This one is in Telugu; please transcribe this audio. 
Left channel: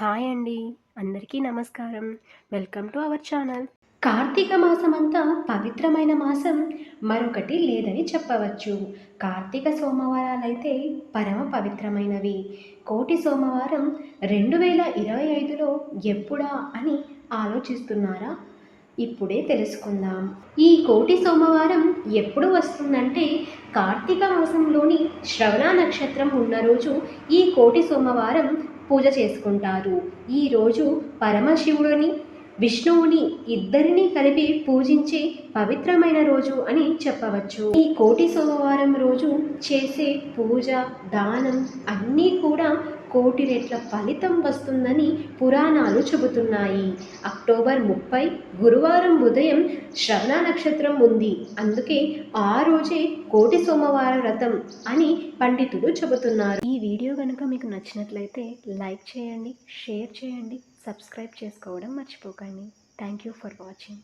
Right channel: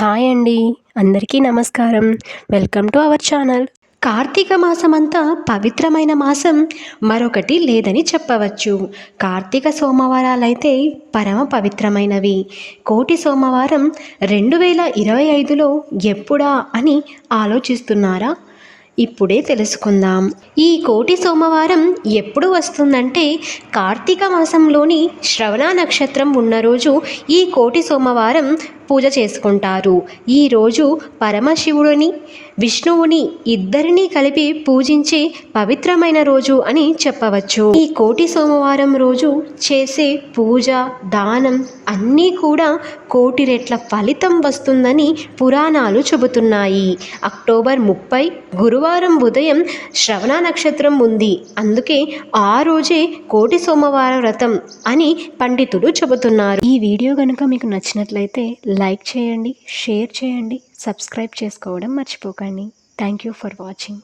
హాయ్ అండి. అందరికీ నమస్కారం. Welcome to our channel. Karthika మాసమంతా పవిత్రమైన మాసం మరొకటి లేదని చెప్పవచ్చు. కార్తీక సోమవారాలైతే పరమ పవిత్రమైనవి. కోటి సోమవారం 2025లో ఎప్పుడా అని ఆలోచిస్తున్నారా? ఇప్పుడే తెలుసుకుందాం. ఈ కోటి సోమవారం ఎప్పుడు వస్తుందంటే కార్తీక మాసంలోని శ్రవణ నక్షత్రం ఉన్న రోజు ఈ కోటి సోమవారం పూజ చేసుకుంటారు. ఈరోజు పరమశివుడిని విష్ణువుని ఇద్దరినీ కలిపి పూజించే పవిత్రమైన రోజు అని చెప్పవచ్చు. ఈ కోటి సోమవారం రోజు చేసే పూజ దానం అన్నీ కూడా కోటి రెట్ల ఫలితం వస్తుందని పురాణాలు చెబుతున్నాయి. అక్టోబర్ 30 గురువారం ఉదయం శ్రవణ నక్షత్రం ఉంది. అందుకే ఆ రోజే కోటి సోమవార వ్రతం అని పండితులు చెబుతున్నారు. ఈ వీడియో కనుక మీకు నచ్చినట్లయితే లైక్ చేయండి, షేర్ చేయండి, సబ్స్క్రైబ్ చేసుకోవడం మర్చిపోకండి. Thank you for watching.